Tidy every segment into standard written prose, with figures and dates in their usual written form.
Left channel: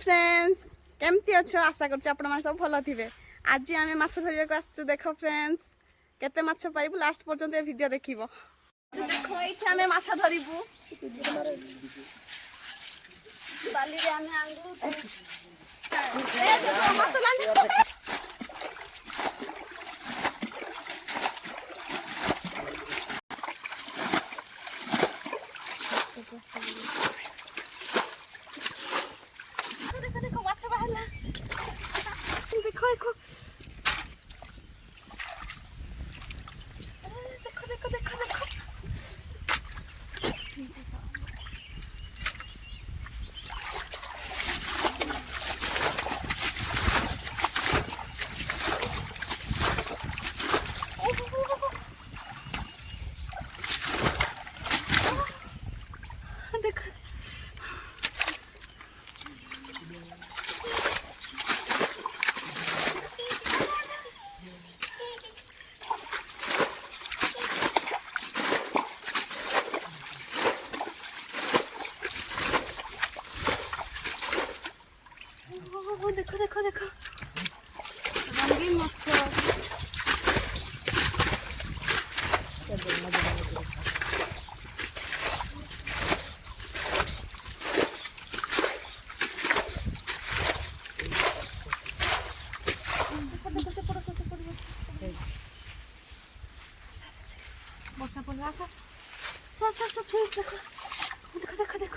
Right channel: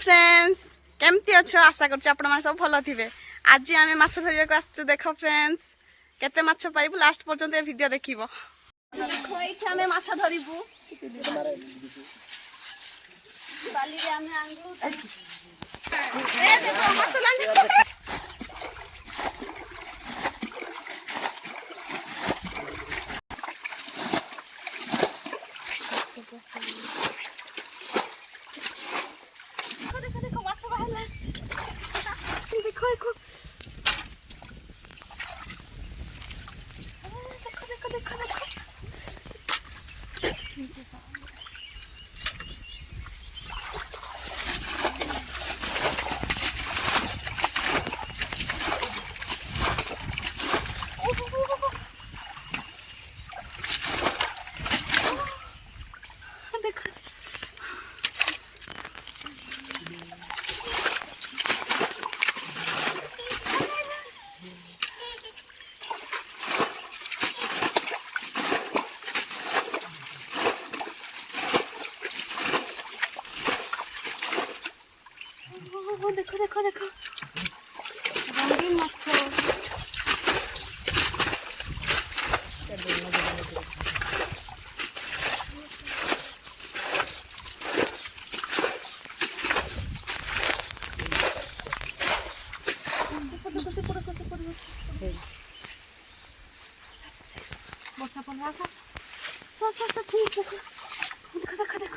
Friends केमती अच्छो आशा कर सब भल थे। आज आम माछ धरिया आसचु देख फ्रेंड्स केते माछ पाइबु लास्ट पर्यंत ए वीडियो देखिबो। देखो एठी आमे माछ धरिबु बाली रे आमे आंगु ए देखो माछ लांदी देखो देखो माछ बाहरला देखो देखो देखो देखो देखो देखो देखो देखो देखो रंगीन माछ ବର୍ଷା ପଡ଼ିଲା ଆସ ପ୍ଲିଜ୍ ଦେଖ ଦେଖ ଦେଖ ଦେଖ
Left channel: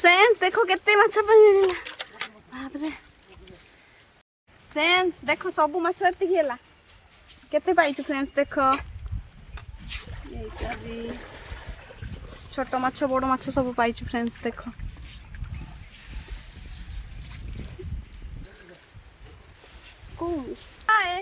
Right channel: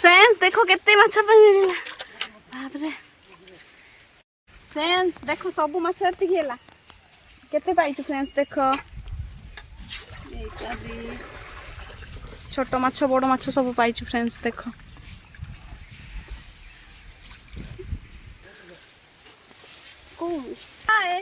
फ्रेंड्स देखो केते माछ मिलला बाप रे। फ्रेंड्स देखो सब माछ एति गेला केते पाइछु फ्रेंड्स देखो छोट माछ बड़ माछ सब पाइछु फ्रेंड्स देखो को आए